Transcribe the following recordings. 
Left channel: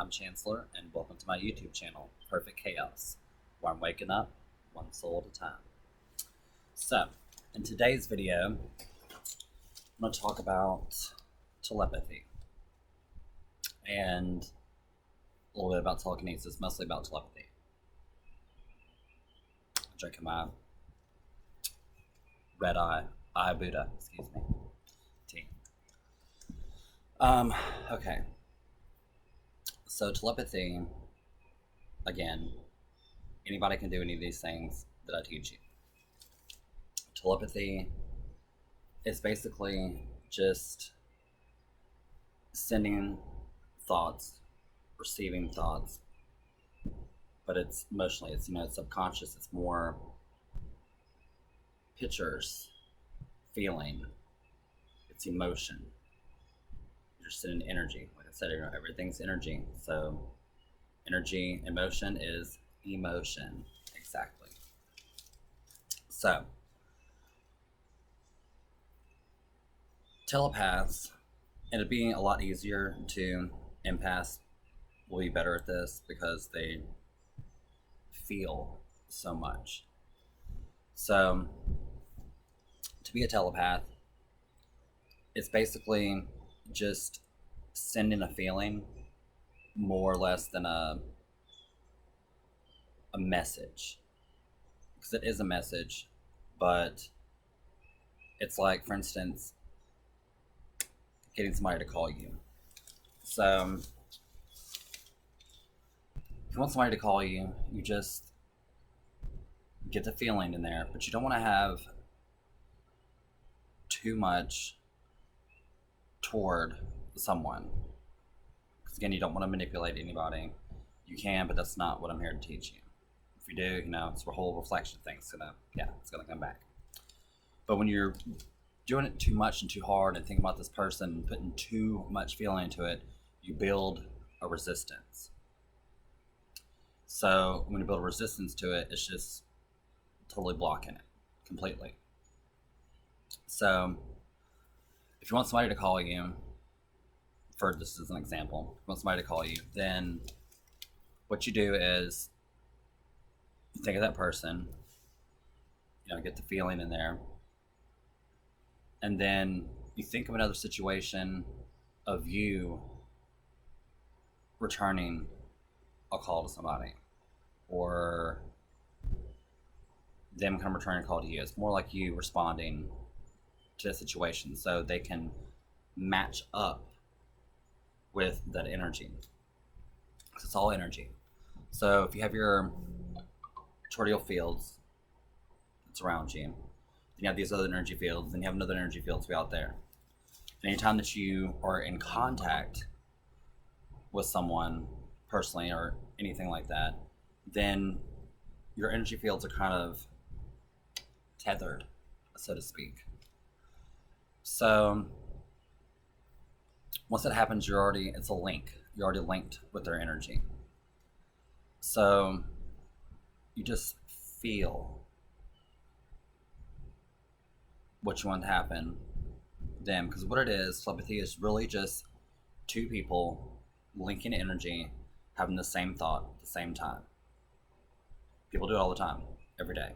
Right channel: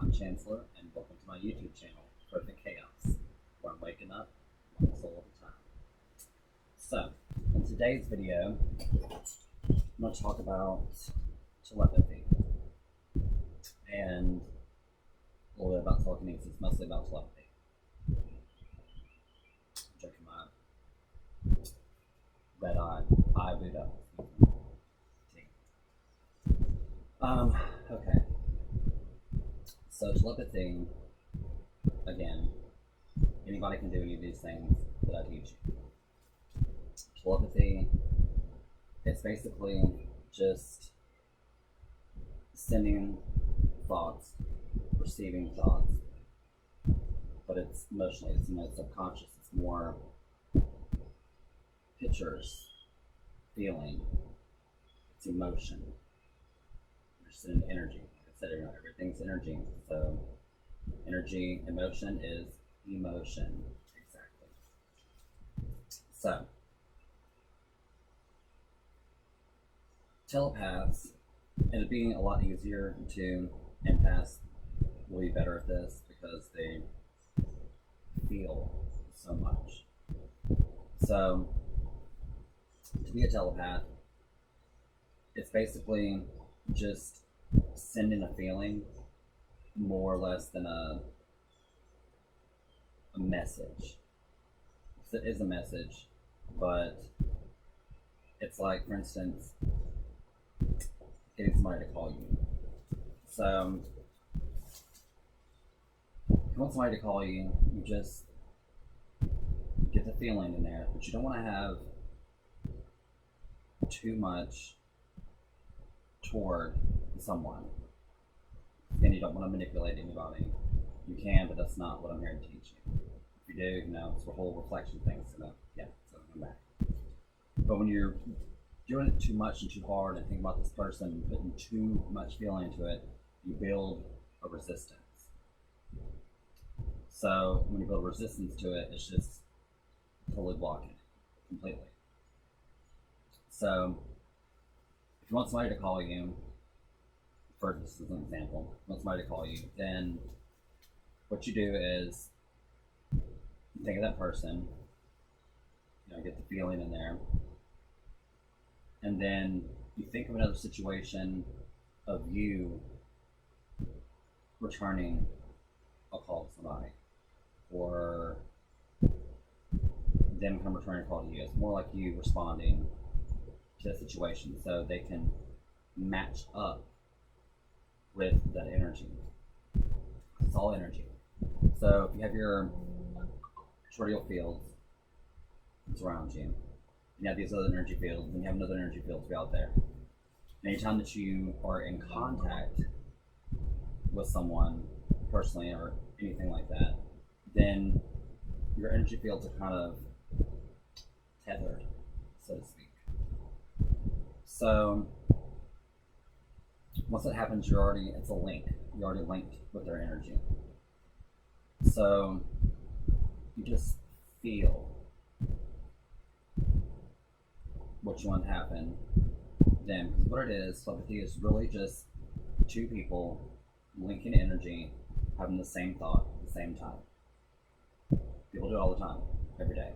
I'm Chancellor, and welcome to my YouTube channel, Perfect Chaos, where I'm waking up one soul at a time. So, in today's video, I'm going to talk about telepathy and a little bit about telekinesis, mostly about telepathy. Drinking my red eye Buddha, excuse me, tea. Okay. So telepathy, again, anybody can do any of these things that I teach you. Telepathy is basically just sending thoughts, receiving thoughts, but it's emotionally, it's subconscious, it's more pictures, feeling, it's emotion. You're sending energy. Like I said, everything's energy. So energy, emotion is emotion. Exactly. So telepaths, and it'd be a lot easier to empaths will be better at this because they feel so much. So to be a telepath, it's basically just sending a feeling more or less than a message, because it is a message, but it's like, for instance, getting somebody to call you. So if you want somebody to call you, you just get the feeling in there, but you don't want to have too much toward someone, because again, you don't want to manipulate anybody. You can, but that's not what I'm here to teach you. If you do, it's a whole reflection thing. It's gonna come back. But when you're doing it too much and too hard and thinking about this person and putting too much feeling into it, you build a resistance. So when you build a resistance to it, it's just totally blocking it completely. So if you want somebody to call you, for this as an example, if you want somebody to call you, then what you do is you think of that person, get the feeling in there, and then you think of another situation of you returning a call to somebody, or them kind of returning a call to you. It's more like you responding to the situation so they can match up with that energy. It's all energy. So if you have your tortial fields that's around you, then you have these other energy fields, then you have another energy field to be out there. And anytime that you are in contact with someone personally or anything like that, then your energy fields are kind of tethered, so to speak. So once that happens, it's a link. You're already linked with their energy. So you just feel what you want to happen then, because what it is, telepathy is really just two people linking energy, having the same thought at the same time. People do it all the time, every day,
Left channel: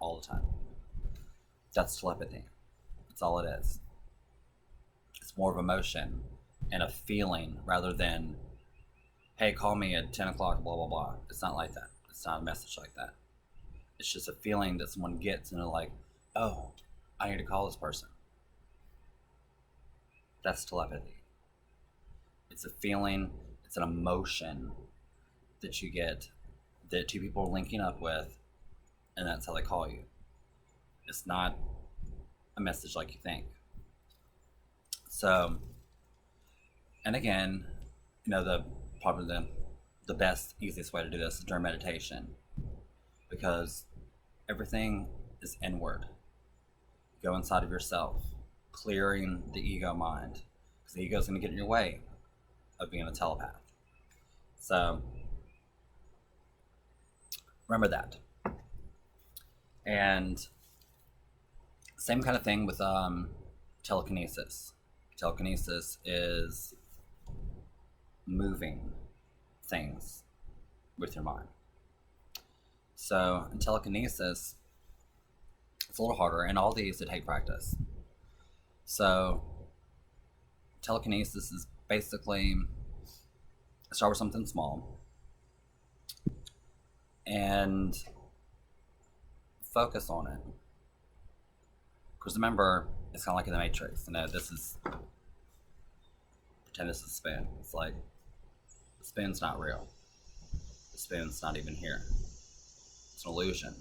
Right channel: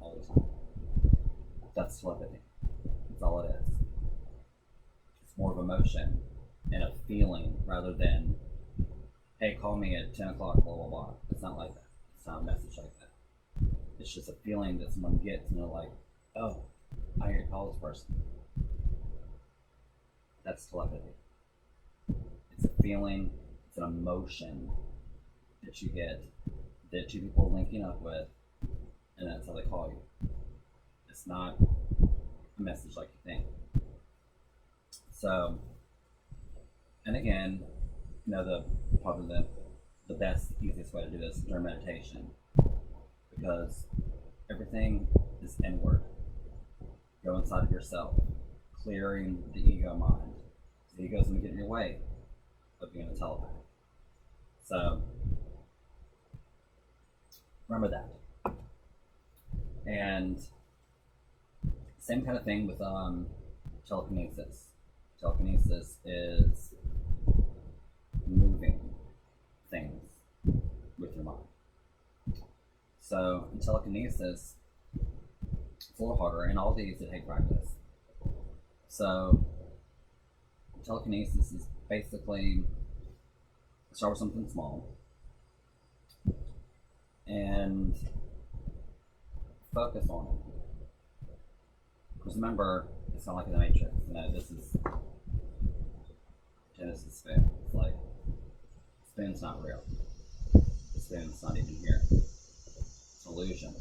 all the time. That's telepathy. That's all it is. It's more of emotion and a feeling rather than, hey, call me at 10 o'clock, blah, blah, blah. It's not like that. It's not a message like that. It's just a feeling that someone gets and they're like, oh, I need to call this person. That's telepathy. It's a feeling, it's an emotion that you get that two people are linking up with, and that's how they call you. It's not a message like you think. So, and again, probably the best, easiest way to do this is during meditation, because everything is inward. Go inside of yourself, clearing the ego mind, because the ego is going to get in your way of being a telepath. So remember that. And same kind of thing with telekinesis. Telekinesis is moving, things with your mind. So in telekinesis, it's a little harder, and all these that take practice. So telekinesis is basically start with something small and focus on it. Because remember, it's kind of like in the Matrix. Pretend this is a spoon. It's like, the spoon's not real. The spoon's not even here. It's an illusion.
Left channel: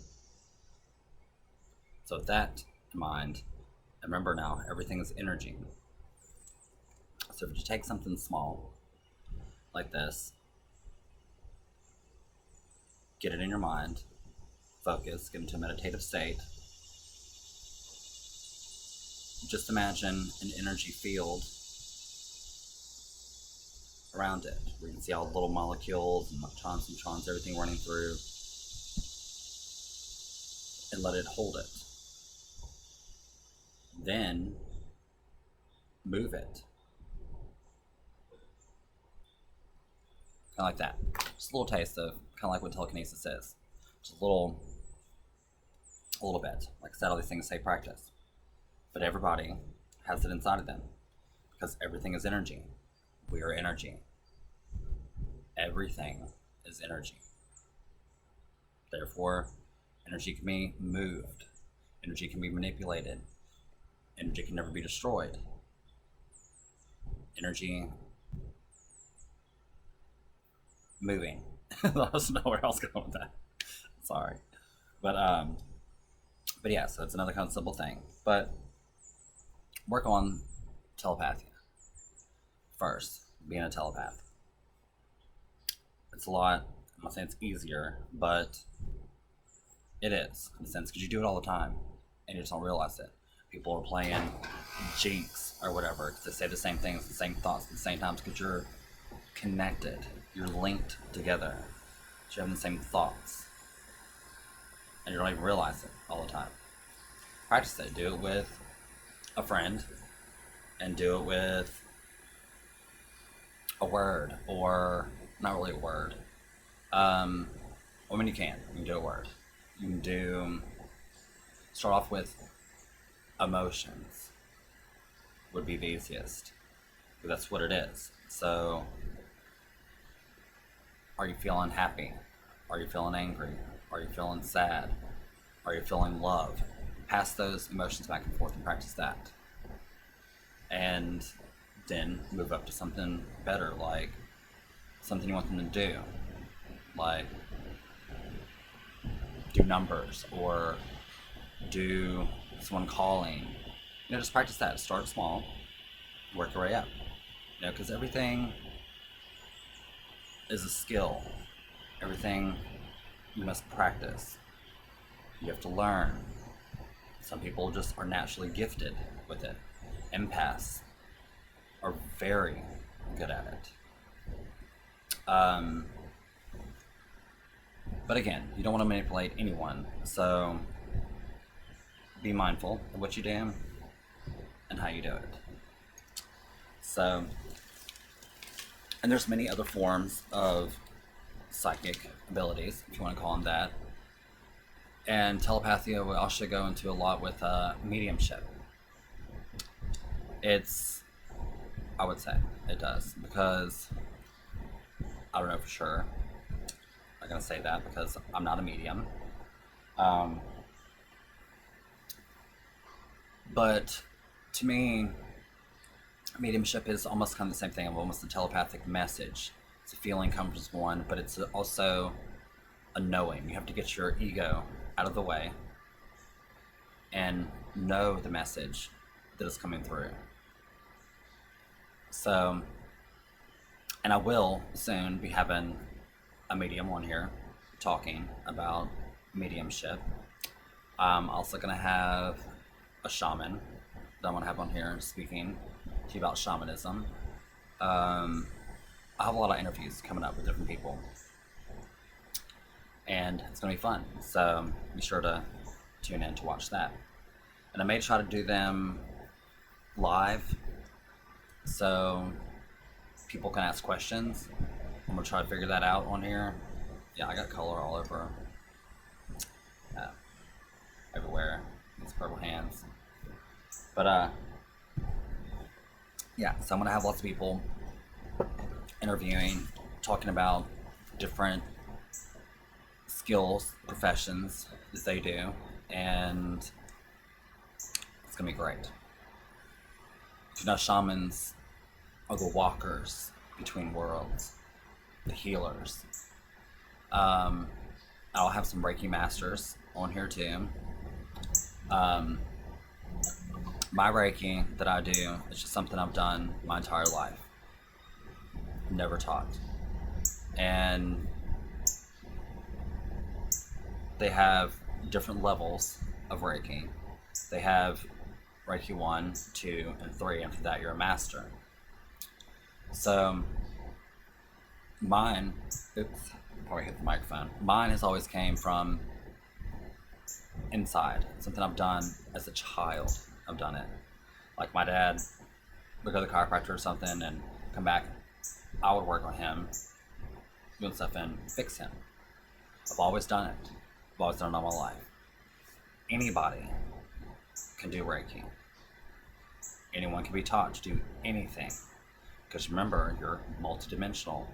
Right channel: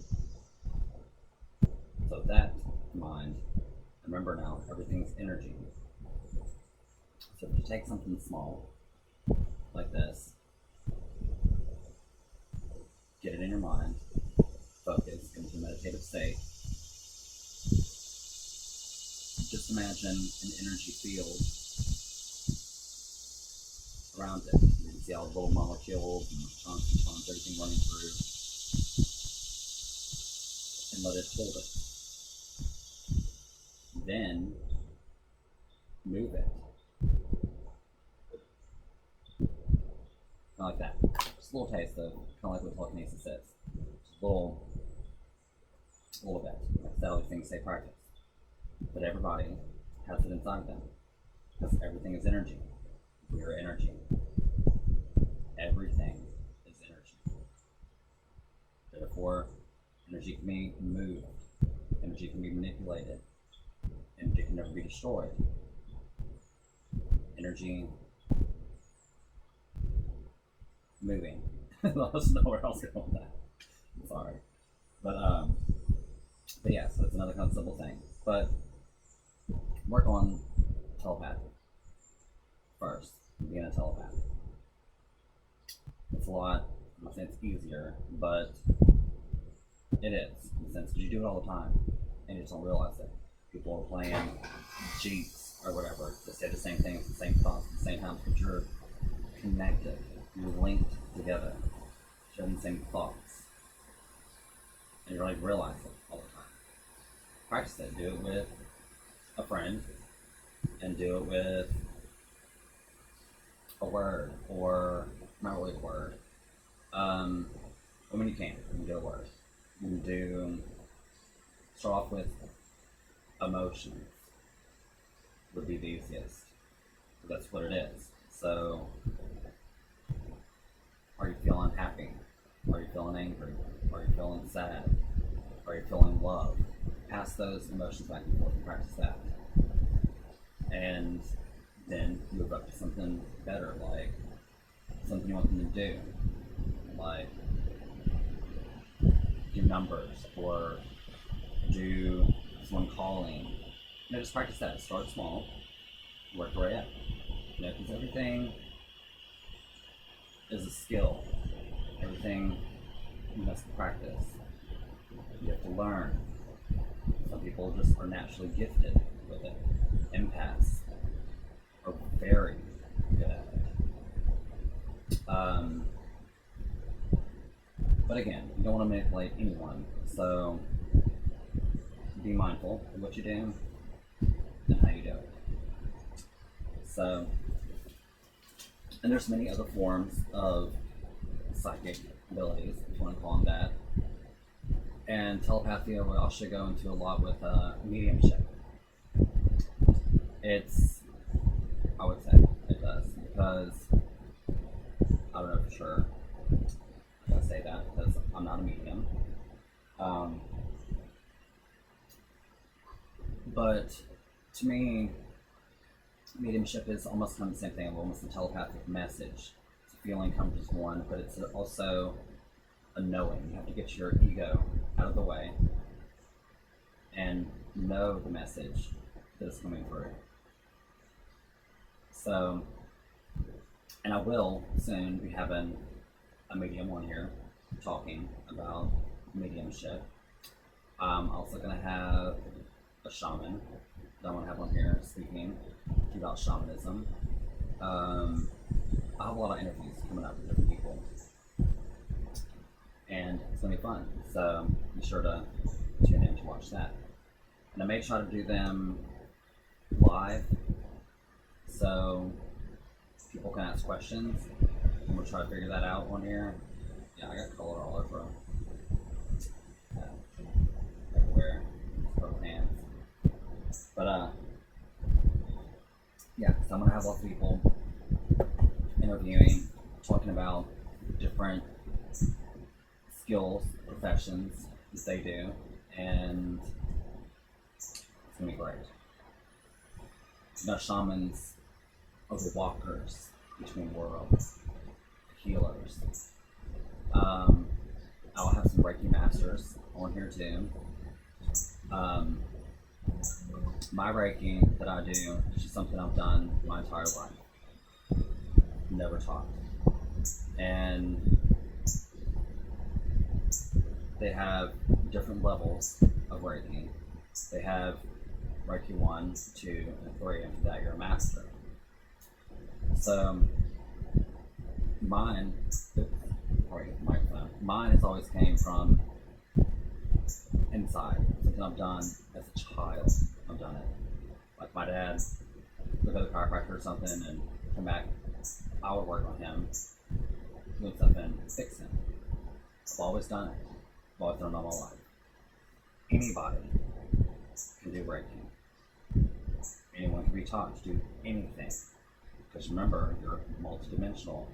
So with that in mind, and remember now, everything is energy. So if you take something small, like this, get it in your mind, focus, get into a meditative state. Just imagine an energy field around it, where you can see all the little molecules and neutrons, everything running through, and let it hold it. Then move it. Kind of like that. Just a little taste of kind of like what telekinesis is. Just a little bit. Like I said, all these things say practice. But everybody has it inside of them. Because everything is energy. We are energy. Everything is energy. Therefore, energy can be moved. Energy can be manipulated. Energy can never be destroyed. Energy moving. I don't know where else going with that. I'm sorry. But yeah, so it's another kind of simple thing. But work on telepathy first, being a telepath. It's a lot, I'm not saying it's easier, but it is, in a sense, because you do it all the time, and you just don't realize it. People are playing Jinx or whatever, because they say the same things, the same thoughts at the same time, because you're connected, you're linked together, you're having the same thoughts, and you don't even realize it all the time. Practice it. Do it with a friend, and do it with a word, or not really a word. I mean, you can do a word. You can start off with emotions, would be the easiest. That's what it is. So, are you feeling happy? Are you feeling angry? Are you feeling sad? Are you feeling love? Pass those emotions back and forth and practice that. And then move up to something better, like something you want them to do. Like do numbers or do someone calling. Just practice that. Start small, work your way up. Because everything is a skill. Everything you must practice. You have to learn. Some people just are naturally gifted with it. Empaths are very good at it. But again, you don't want to manipulate anyone, so be mindful of what you do and how you do it. So, and there's many other forms of psychic abilities, if you want to call them that. And telepathy will also go into a lot with mediumship. I would say it does, because I don't know for sure. I gotta say that because I'm not a medium. But to me, mediumship is almost kind of the same thing, almost a telepathic message. It's a feeling comes from one, but it's also a knowing. You have to get your ego out of the way and know the message that is coming through. So, and I will soon be having a medium on here talking about mediumship. I'm also going to have a shaman that I'm going to have on here speaking to you about shamanism. I have a lot of interviews coming up with different people, and it's going to be fun, so be sure to tune in to watch that. And I may try to do them live so people can ask questions, I'm gonna try to figure that out on here. Yeah, I got color all over, uh, everywhere. These purple hands. But yeah. So I'm gonna have lots of people interviewing, talking about different skills, professions that they do, and it's gonna be great. You know, shamans are the walkers between worlds, the healers. I'll have some Reiki masters on here too. Um, my Reiki that I do is just something I've done my entire life, never taught. And they have different levels of Reiki. They have Reiki 1, 2, and 3. After that, you're a master. So, mine, oops, probably hit the microphone. Mine has always came from inside, something I've done as a child. I've done it. Like my dad would go to the chiropractor or something and come back. I would work on him, doing stuff and fix him. I've always done it. I've always done it all my life. Anybody can do Reiki. Anyone can be taught to do anything. Because remember, you're multidimensional,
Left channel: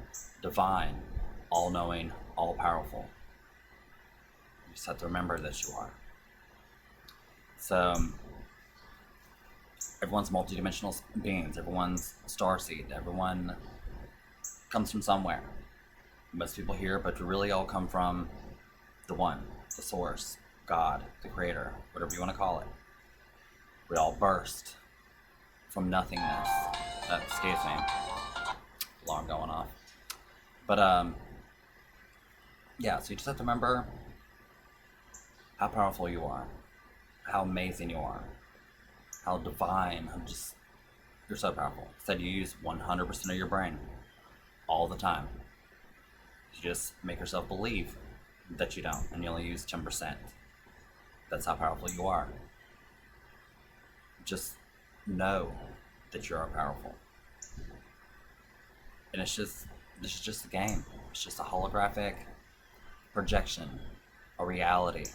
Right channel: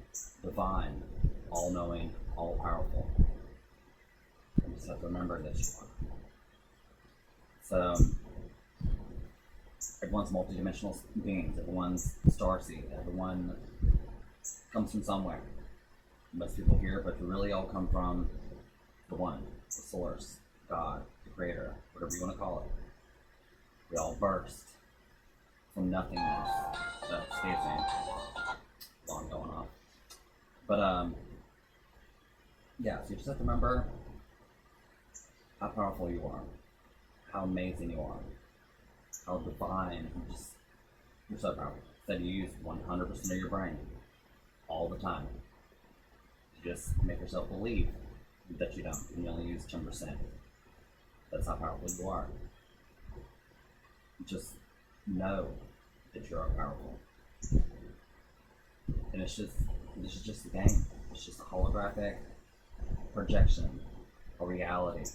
divine, all-knowing, all-powerful. You just have to remember that you are. So, everyone's multidimensional beings. Everyone's starseed. Everyone comes from somewhere. Most people here, but we really all come from the one, the source, God, the creator, whatever you want to call it. We all burst from nothingness. Excuse me. Alarm going off. But yeah, so you just have to remember how powerful you are, how amazing you are, how divine, you're so powerful. Said you use 100% of your brain all the time. You just make yourself believe that you don't, and you only use 10%. That's how powerful you are. Just know that you are powerful. And this is just a game. It's just a holographic projection, a reality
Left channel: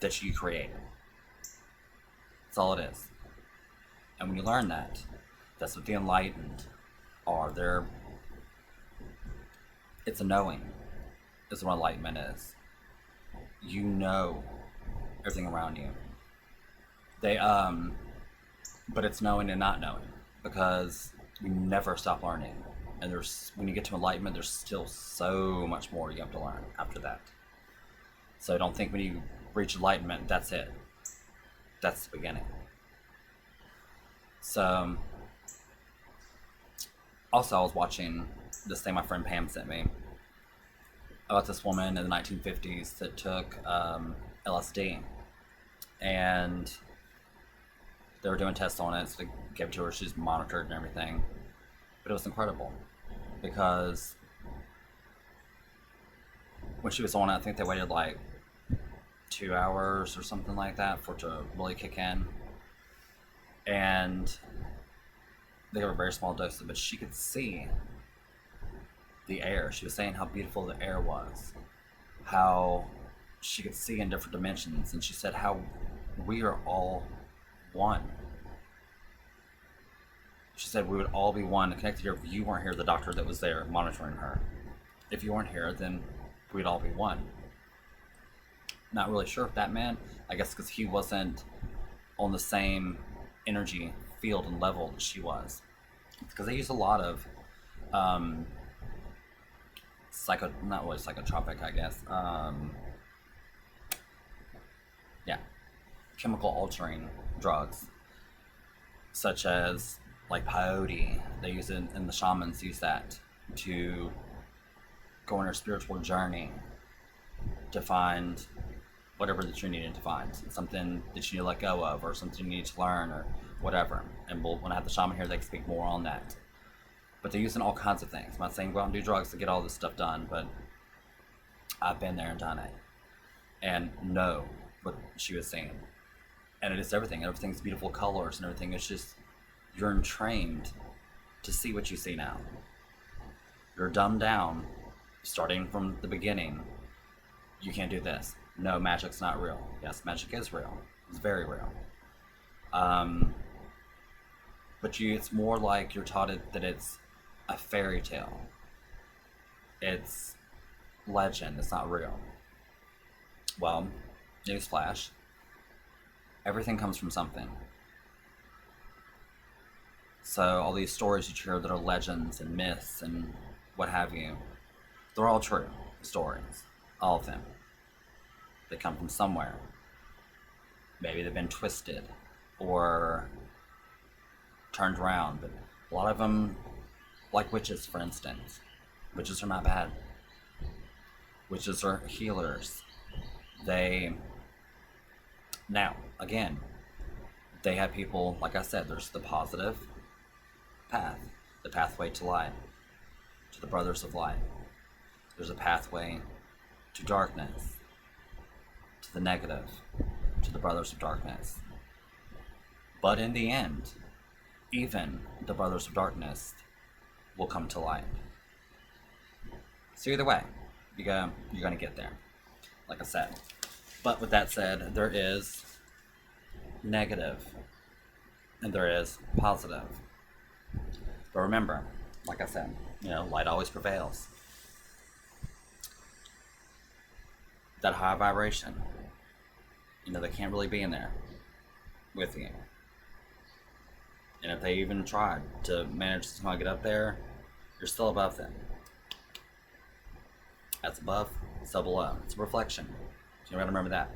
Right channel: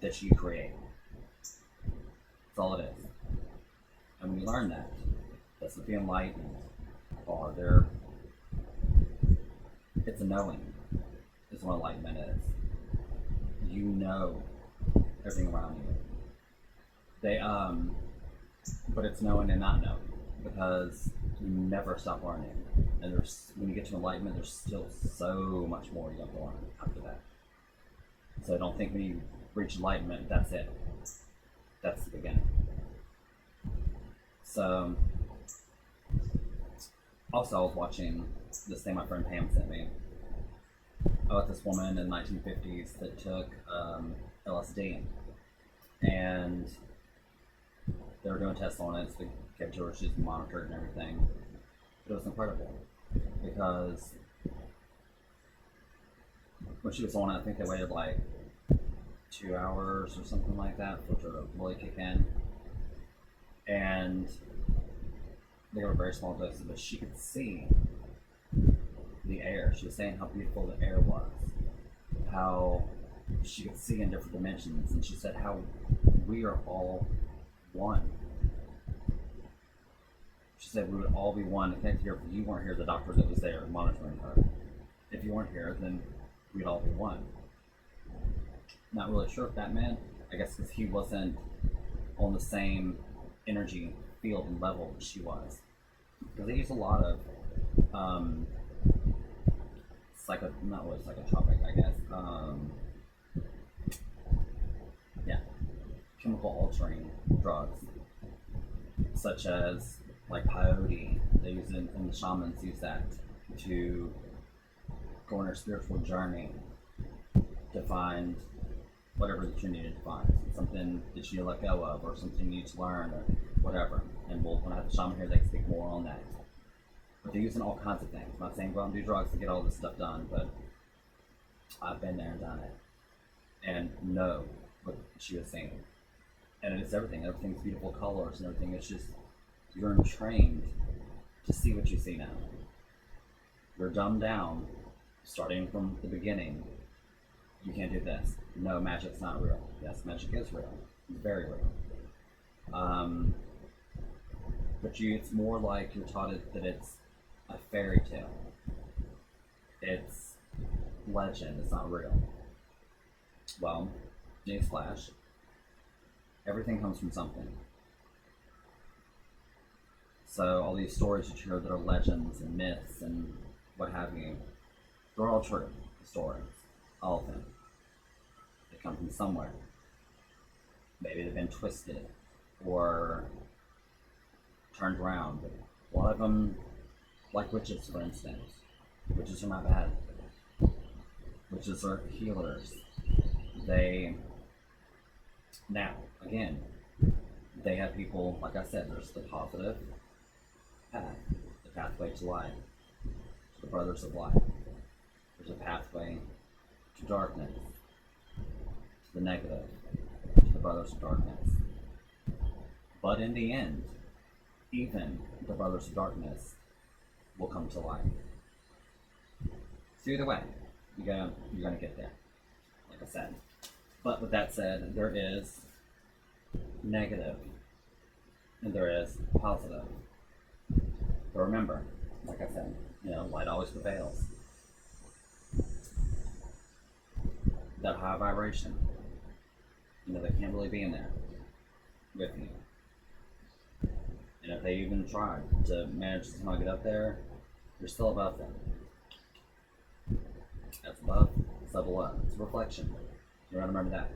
that you create. That's all it is. And when you learn that, that's what the enlightened are. It's a knowing, is what enlightenment is. You know everything around you. But it's knowing and not knowing, because you never stop learning. And when you get to enlightenment, there's still so much more you have to learn after that. So don't think when you reach enlightenment, that's it. That's the beginning. So, also I was watching this thing my friend Pam sent me about this woman in the 1950s that took LSD, and they were doing tests on it, so they gave it to her. She's monitored and everything, but it was incredible because when she was on it, I think they waited like 2 hours or something like that for it to really kick in, and they gave her a very small dose, but she could see the air. She was saying how beautiful the air was, how she could see in different dimensions, and she said how we are all one. She said we would all be one, connected here. If you weren't here, the doctor that was there monitoring her, if you weren't here, then we'd all be one. Not really sure if that meant, I guess because he wasn't on the same energy field and level that she was, because they use a lot of not really psychotropic, I guess, yeah, chemical altering drugs, such as like peyote. They use it, and the shamans use that to go on their spiritual journey to find whatever that you needed to find, something that you need to let go of, or something you need to learn, or whatever. And when I have the shaman here, they can speak more on that. But they're using all kinds of things. I'm not saying go out and do drugs to get all this stuff done, but I've been there and done it, and know what she was saying. And it is everything. Everything's beautiful colors and everything. It's just, you're entrained to see what you see now. You're dumbed down, starting from the beginning. You can't do this. No, magic's not real. Yes, magic is real. It's very real. But it's more like you're taught that it's a fairy tale. It's legend. It's not real. Well, newsflash. Everything comes from something. So all these stories you hear that are legends and myths and what have you, they're all true stories. All of them. They come from somewhere. Maybe they've been twisted or turned around, but a lot of them, like witches for instance, witches are not bad. Witches are healers. Now, again, they have people, like I said, there's the positive path, the pathway to light, to the brothers of light. There's a pathway to darkness, to the negative, to the brothers of darkness. But in the end, even the brothers of darkness will come to light. So either way, you're gonna get there, like I said. But with that said, there is negative and there is positive. But remember, like I said, light always prevails. That high vibration, they can't really be in there with you. And if they even tried to manage to somehow get up there, you're still above them. That's above, so below. It's a reflection. So you gotta remember that.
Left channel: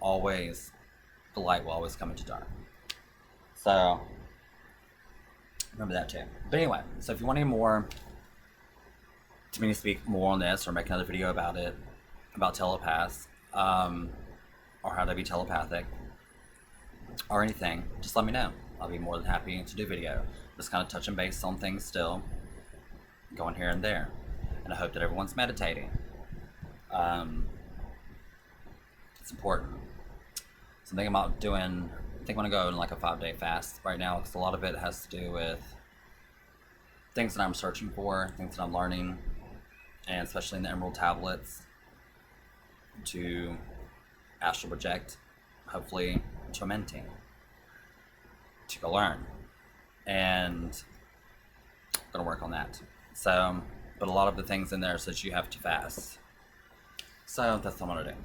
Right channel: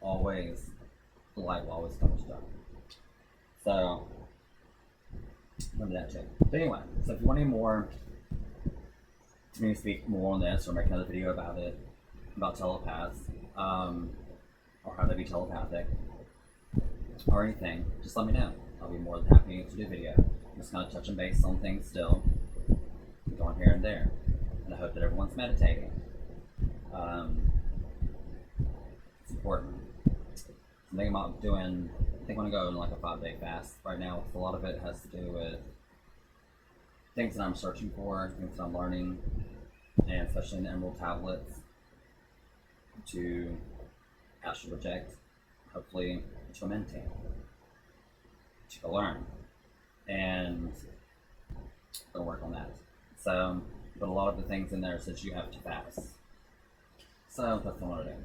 Always, the light will always come into dark. So, remember that too. But anyway, so if you want any more, to me to speak more on this or make another video about it, about telepaths, or how to be telepathic, or anything, just let me know. I'll be more than happy to do video. Just kind of touching base on things still, going here and there. And I hope that everyone's meditating. It's important. So I'm thinking about doing, I think I'm gonna go in like a 5-day fast right now, because a lot of it has to do with things that I'm searching for, things that I'm learning, and especially in the Emerald Tablets, to astral project, hopefully to a mentee, to go learn, and I'm gonna work on that. So, but a lot of the things in there says you have to fast. So that's what I'm gonna do.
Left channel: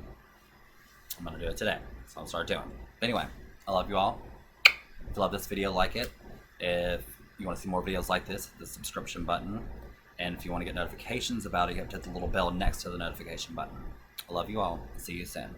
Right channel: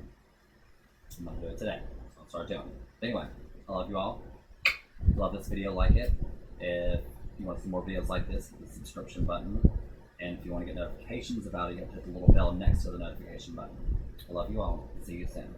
I'm gonna do it today. So I'll start doing. But anyway, I love you all. If you love this video, like it. If you want to see more videos like this, hit the subscription button. And if you want to get notifications about it, you have to hit the little bell next to the notification button. I love you all. See you soon.